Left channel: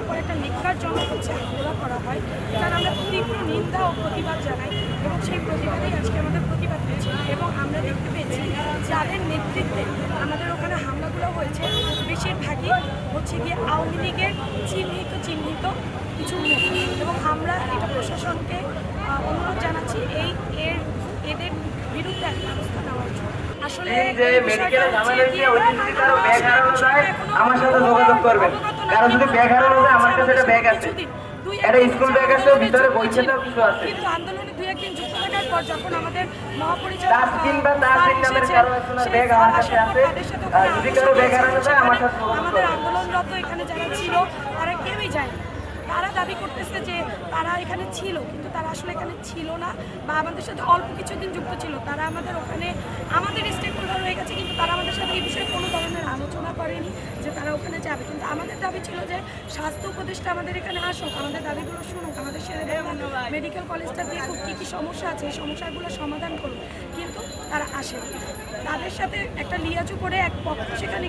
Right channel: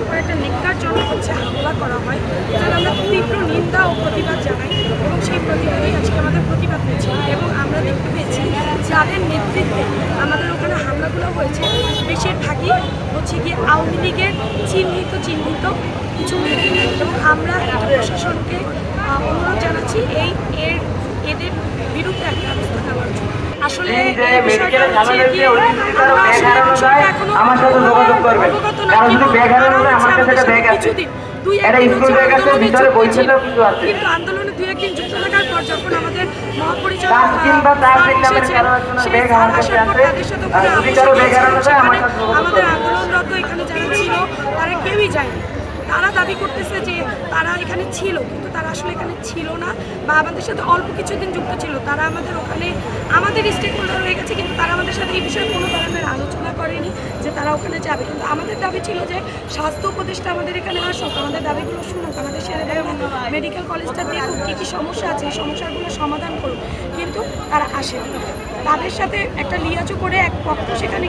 উপর একটা নিকারজনক হচ্ছে হামলা করা হয় যার আমরা তীব্র নিন্দা ও প্রতিবাদ জানাই এবং সেই প্রতিবাদেই আজকে আমাদের প্রতিবাদ পেয়েছি এবং আমরা দেখতে পেয়েছি যাদের নেতৃত্বে আমাদের ওখানে হামলাগুলো হয়েছে বেশিরভাগই হচ্ছে গিয়ে আওয়ামী লীগের চিহ্নিত চিহ্নিত কিছু মুখ এবং আমরা এটা প্রশাসনকে অনুরোধ জানাচ্ছি এই এর এদের বিরুদ্ধে একটা ব্যবস্থা নেওয়ার জন্য। আসলে এই বিষয়টা হচ্ছে যে আমরা আসলে বিষয়টা এখনও কিন্তু। কিছুদিন দুই একদিন হচ্ছে আন্দোলনে যুক্ত ছিল কিন্তু আন্দোলনে দুই একদিন যুক্ত থাকার পর যখন আমাদের মহাপরিচালক স্যার এসেছেন সেই স্যার আসার পর তাদের সাথে ওখানে আমার সেখানে আমাদের আন্দোলনরত এখানে যারা ছিল তারা কেউই যায়নি। তারা দাবি করতেছে যে তারা এখানে ছিল, কিন্তু তারা আসলে এখানে ছিল না বা আমাদের সাথে অল্প কিছুদিন যুক্ত ছিল। তারা আমাদের ওখানে, আমাদের স্টেক হোল্ডার হয়ে গেছে, কিন্তু তারা আমাদের সাথে এই বিষয়ে কোনো ধরনের আলোচনা করেনি যে তারা ওখানে যাবে। কিন্তু আমাদের দাবি ছিল যে স্বাস্থ্য উপদেষ্টা আমাদের এখানে আসুক, আমাদের দাবিগুলো শুনুক, আমাদের সেরে মেডিকেল কলেজটা দেখুক, কী কী সমস্যা আছে, এই সমস্যাগুলো সমাধান করুক। কিন্তু তারা আসেনি। তাদের সাথে একটা লিয়াজু করে এক পক্ষ সেখানে